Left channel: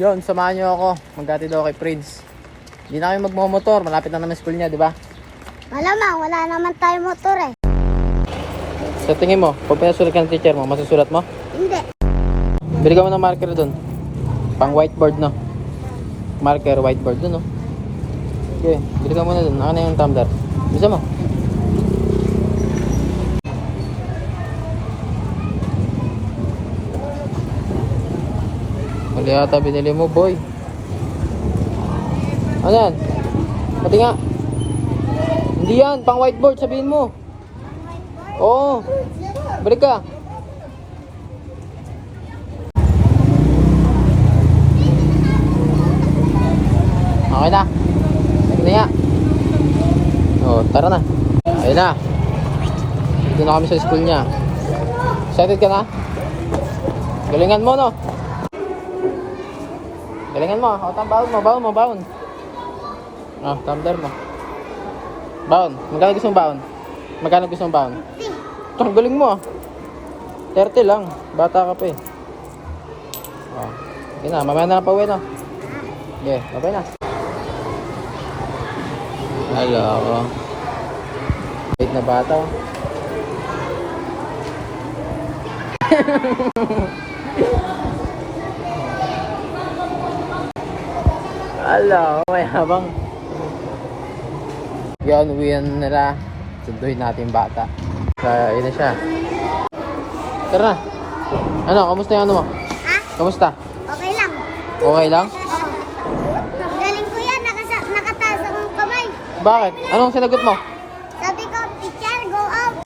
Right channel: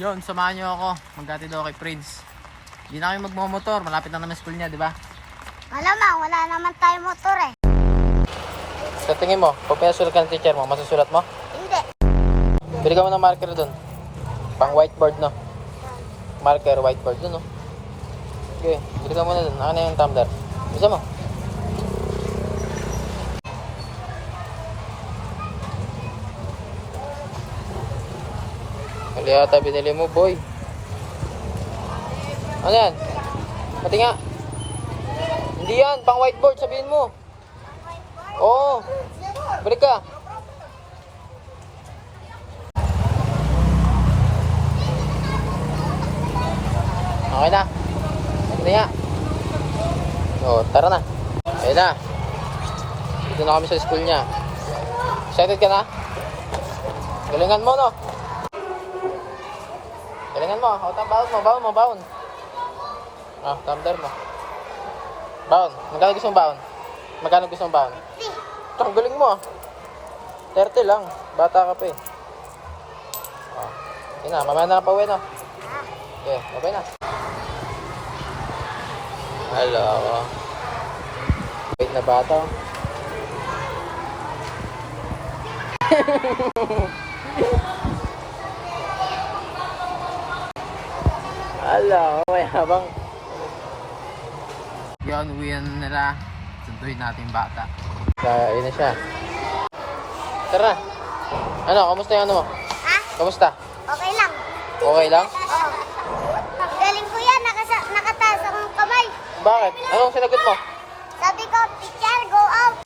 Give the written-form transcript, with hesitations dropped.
Yun, samahan nyo ako. Maghatid daw kay Prince. Hindi na kami magmamotor. Malapit na naman school niya, di ba? Malamang, wala naman tayo motor eh. Sa tingin mo, pag pinasulat ka ng teacher mo, masusulat mo? Hindi. Bili ka mo ng marker dun. Pang whiteboard, no? Marker, whiteboard dun, no? Okay, bili ka muna dun. Ako na yung tumbler. Bisa mo. Mali yata binili mo, boy. Ano yan? Pati nga. Hindi yan, pang whiteboard, sabihin mo. Oo. Balik ka. Okay na. Hindi nga. Oh, tara na. Ayun na. Dito na kami sa school niya. Excited ka na? Galingan mo, no? Galingan mo. O, baon mo. Oh, tumbler mo. Baon. Magkano gusto mong baon? Magkano gusto mong baon? Ang galing mo ah. 30 lang. Bata ka pa eh. Oh. Sige na, mamaya na pa uwi na. Okay, babay na. Hello. Wait na bata. Hello, may habang. Yan, uwihan nila. Sunduin natin yung bata. Yun na siya. Tara na. Ano, kamusta yung ano mo? Ha? Kamusta? Okay lang. Okay lang? Oo. Galing ko yan, nakataas akong kamay. Bakit? Anong sinagot mo? Sabi ko, teacher, go out.